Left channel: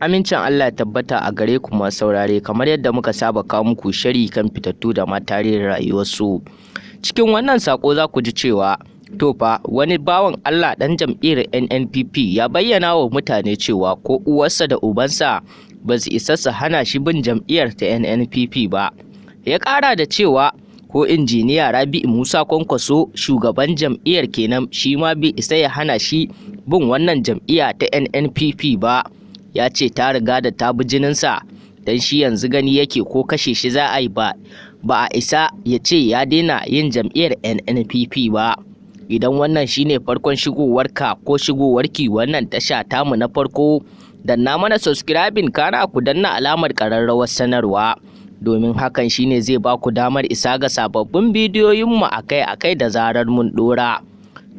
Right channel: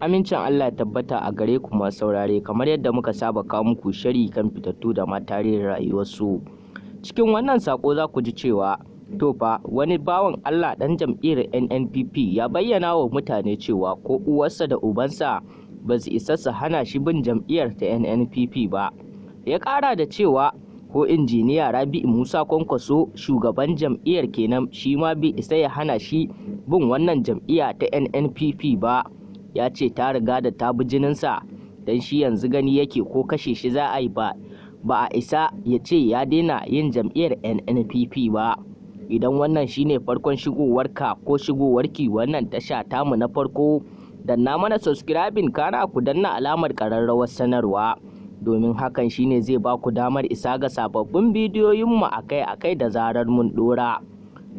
Amincin Allah ya tabbata a gare ku masu saurare, kamar yadda muka saba kawo muku shiri kan fitattu da ma tarihin rayuwarsu. Cikin wannan sako za ku ji cewa to fa wani bawan Allah dan jam'iyyar nnpp ya bayyana wa mutane cewa ko uwarsa da ubansa ba su isa su hana shi bin jam'iyyar ta nnpp ba. Ya ƙara da cewa ko injiniya Rabi'u Musa Kwankwaso shugaban jam'iyyar kenan shi ma bai isa ya hana shi bin wannan jam'iyya ta nnpp ba. Ya ce ta riga da ta bi jininsa, don shi yanzu gani yake ko kashe shi za a yi ba a isa ya ce ya daina yin jam'iyyar nnpp ba. Idan wannan shine farkon shigowarka ko shigowarki wannan tasha tamu na farko, danna mana subscribing kana ku danna alamar ƙararrawar sanarwa, domin hakan shine zai ba ku damar isa ga sababbin bidiyoyinmu akai-akai da zarar mun ɗora.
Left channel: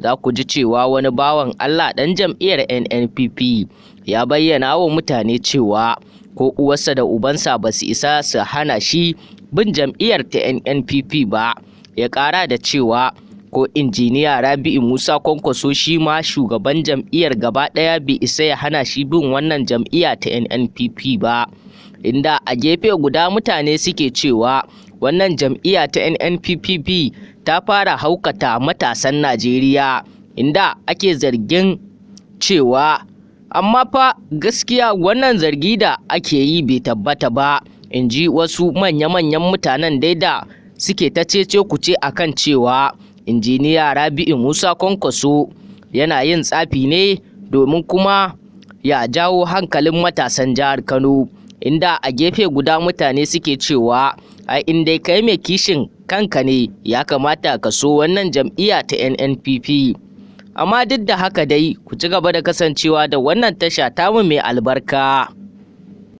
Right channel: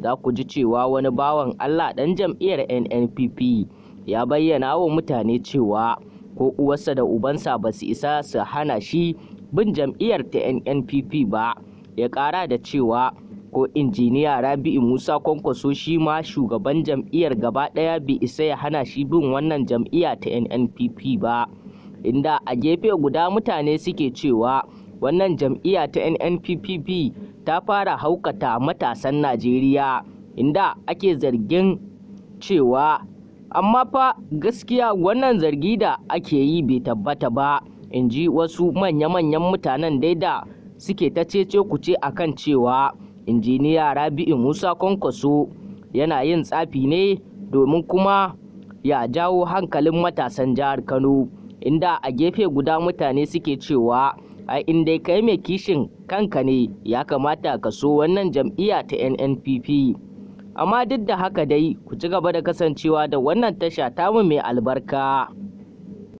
Za ku ji cewa wani bawan Allah ɗan jam'iyyar nnpp ya bayyana wa mutane cewa ko uwarsa da ubansa ba su isa su hana shi bin jam'iyyar ta nnpp ba. Ya ƙara da cewa ko injiniya Rabi'u Musa Kwankwaso shi ma shugaban jam'iyyar gaba ɗaya bai isa ya hana shi bin wannan jam'iyya ta nnpp ba. Inda a gefe guda mutane suke cewa wannan jam'iyya ta nnpp ta fara haukata matasan Najeriya, inda ake zargin cewa amma fa gaskiya wannan zargi da ake yi bai tabbata ba, in ji wasu manya-manyan mutanen dai da suke ta cece kuce akan cewa injiniya Rabi'u Musa Kwankwaso yana yin tsafi ne domin kuma ya jawo hankalin matasan jihar Kano. Inda a gefe guda mutane suke cewa ai in dai kai mai kishin kanka ne ya kamata ka so wannan jam'iyya ta nnpp. Amma duk da haka dai ku ci gaba da kasancewa da wannan tasha tamu mai albarka.